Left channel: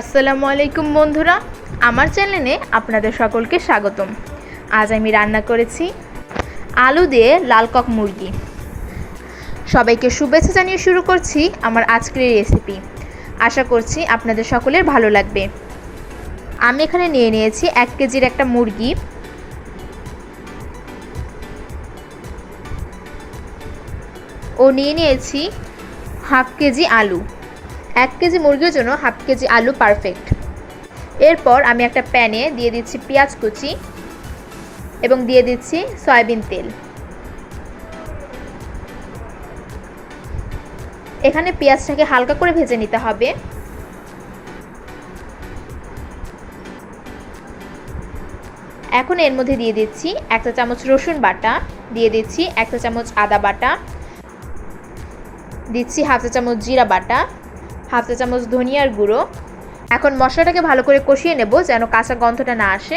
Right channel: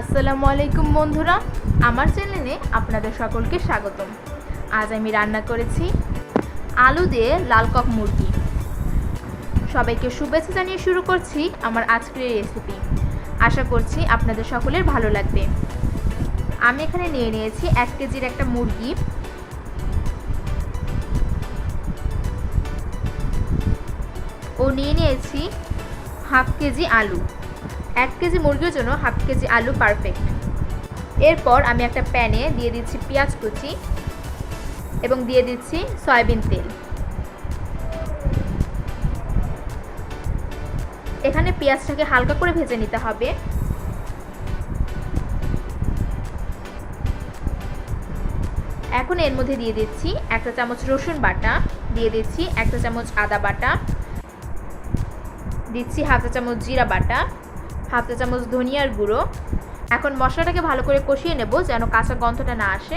আসসালামু আলাইকুম বন্ধুরা, আমার চ্যানেলে আপনাদের সকলকে স্বাগতম। আজ আমি রান্না করেছি আলু দিয়ে লাল কক মুরগি। সবাইকে শুভেচ্ছা জানিয়ে শুরু করছি আমার আজকের এই রেসিপি। আশা করছি আপনাদের সকলের ভালো লাগবে। আমি এখানে নিয়ে নিয়েছি 1 কেজির একটা মুরগি। ও নিয়ে নিয়েছি হাফ কেজি আলু। 1 কেজি মুরগির জন্য হাফ কেজি আলু পারফেক্ট। এরপর আমি একটা প্যানে দিয়ে দিচ্ছি পেঁয়াজ কুচি এবং দিয়ে দিচ্ছি সয়াবিন তেল। এখানে পেঁয়াজটাকে হালকা করে ভেজে নিতে হবে। এখন এর মধ্যে দিয়ে দিচ্ছি 1 চা চামচ রসুন বাটা, দিয়ে দিচ্ছি 1 চা চামচ আদা বাটা, দিচ্ছি হাফ চা চামচ জিরা বাটা, হাফ চা চামচ ধনিয়ার গুঁড়ো। এখন মশলাটাকে ভালো করে কষিয়ে নেব যেন কাঁচা গন্ধটা না আসে।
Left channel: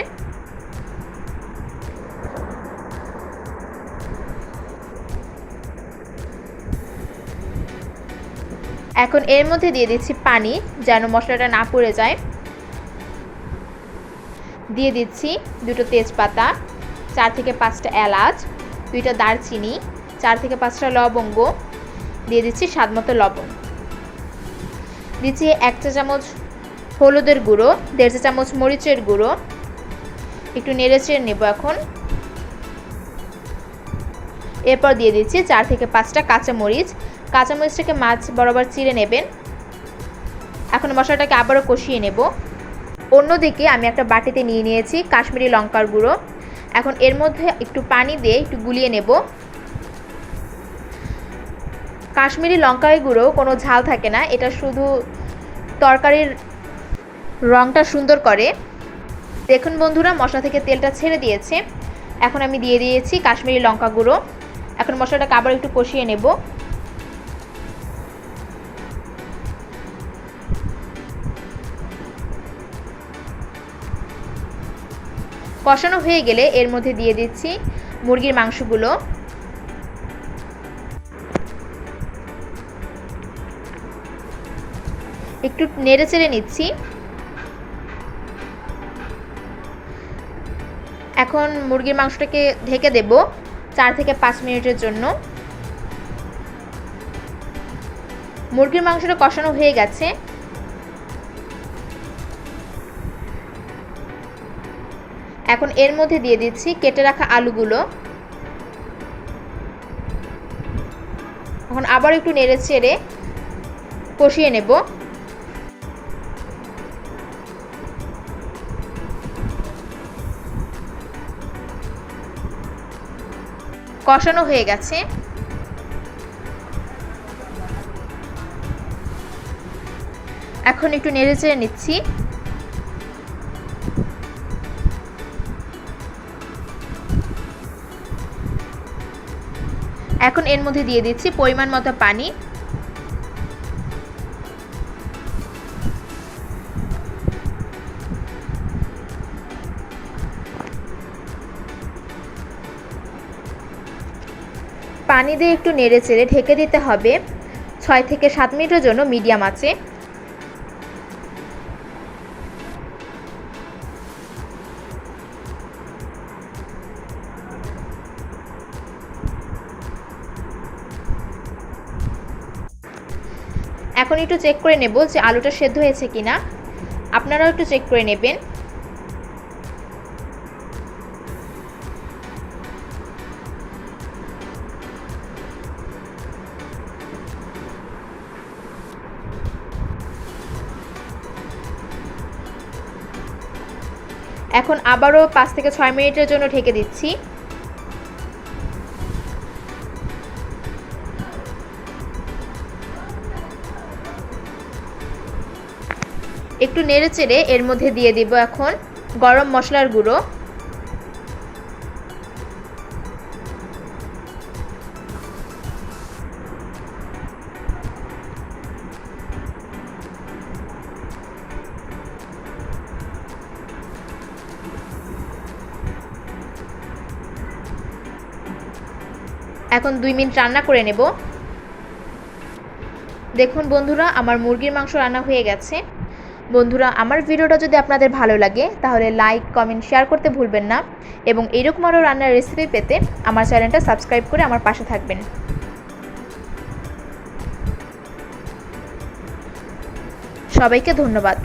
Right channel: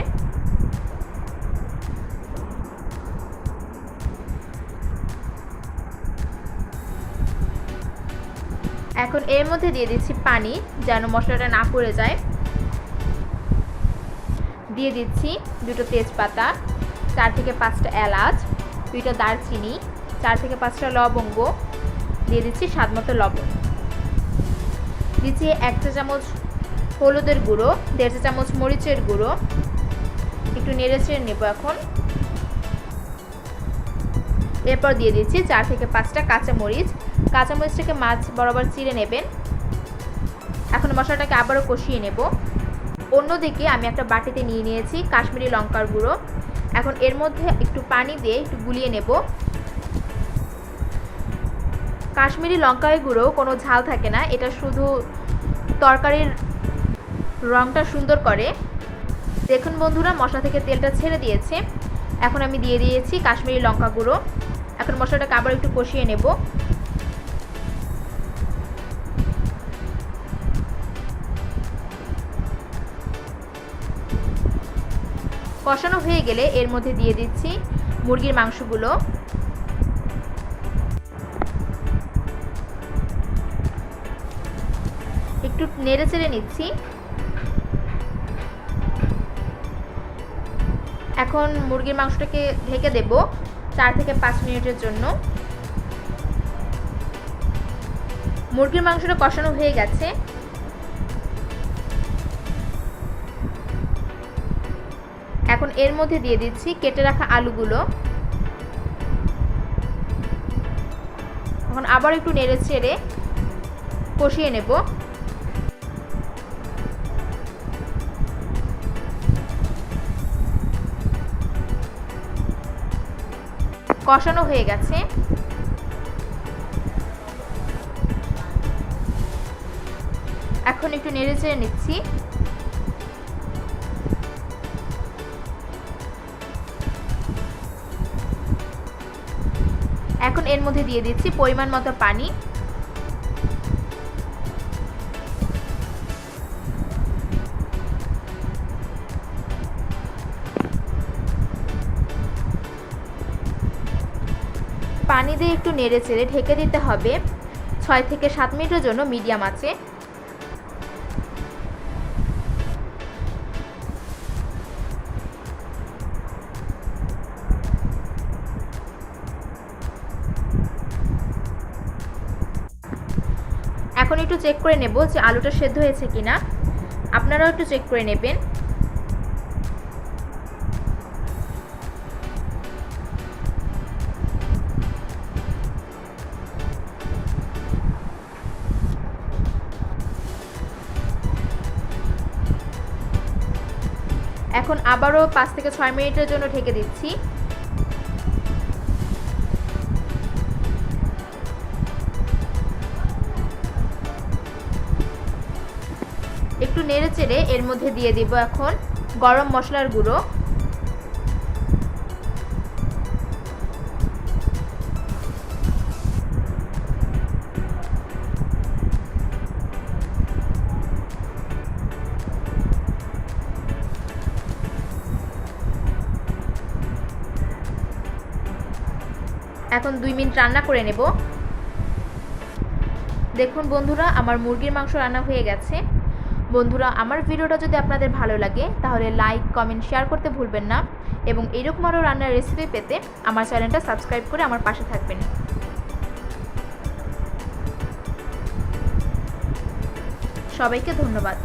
এখন এর মধ্যে দিয়ে দিচ্ছি পানি যেন মশলাটা না পুড়ে যায়। দিয়ে দিচ্ছি 2টো তেজপাতা, 4 থেকে 5টা এলাচ, 2টা দারচিনি, 4 থেকে 5টা লবঙ্গ, দিয়ে দিচ্ছি স্বাদমতো লবণ, দিচ্ছি 1 চা চামচ হলুদের গুঁড়ো, 1.5 চা চামচ মরিচের গুঁড়ো। একটু নেড়েচেড়ে নেব এখন। এরপর দিয়ে দিচ্ছি 4 থেকে 5টা কাঁচামরিচ। কাঁচামরিচটাকে মাছ বরাবর চিড়ে নেবেন। এখন মশলাটাকে আবারও কষিয়ে নেব। অন্যদিকে আমি একটা বাটিতে নিয়ে নিয়েছি কাশ্মীরি লঙ্কার গুঁড়ো। এখন এর মধ্যে একটু পানি দিয়ে একটু গুলিয়ে নেব। কাশ্মীরি লঙ্কার গুঁড়ো কোনো ঝাল থাকে না, এটা শুধু তরকারির রঙটা সুন্দর করে। দেখুন বন্ধুরা, মশলা থেকে তেলটা ছেড়ে দিয়েছে। এখন আমি দিয়ে দিয়েছি কাশ্মীরি লঙ্কা গুঁড়ো। এখন মশলাটাকে আবার একটু কষিয়ে নেব। কষানো হয়ে গেলে এর মধ্যে দিয়ে দিচ্ছি মুরগির মাংসগুলো। একটু নেড়ে চেড়ে নিচ্ছি। এখন মুরগির মাংসটাকে ঢেকে দেব 4 থেকে 5 মিনিটের জন্য। মুরগির মাংসটা কষানো হয়ে গেছে। এখন এর মধ্যে দিয়ে দিচ্ছি কেটে রাখা আলুগুলো। এখন আবার একটু নেড়ে চেড়ে কষিয়ে নেব। কষানো হয়ে গেছে। এখন একটু নেড়ে চেড়ে নিচ্ছি। এখন এর মধ্যে দিয়ে দিচ্ছি পরিমাণ মতো পানি। পানি দিয়ে একটু নেড়ে চেড়ে ঢেকে দিতে হবে 6 থেকে 7 মিনিটের জন্য মিডিয়াম আঁচে। এখন একটু চেক করে নেব যে আলুটা সেদ্ধ হয়েছে কিনা। আপনারাও একটু চেক করে নেবেন। এখন আবারও 5 থেকে 6 মিনিটের জন্য ঢেকে দিচ্ছি। একটু নেড়ে চেড়ে এর মধ্যে দিয়ে দিব এখন গরম মশলার গুঁড়ো। এখন 2 মিনিট রান্না করে নেব। দেখুন বন্ধুরা, আমার মুরগির মাংস রান্না হয়ে গেছে। বন্ধুরা, আমার ভিডিওটা যদি আপনাদের ভালো লাগে তাহলে লাইক, কমেন্ট, শেয়ার করতে ভুলবেন না এবং এরকম আরও রান্নার রেসিপি পেতে আমার চ্যানেলটা সাবস্ক্রাইব করে আমার পাশে থাকবেন। সবাইকে ধন্যবাদ।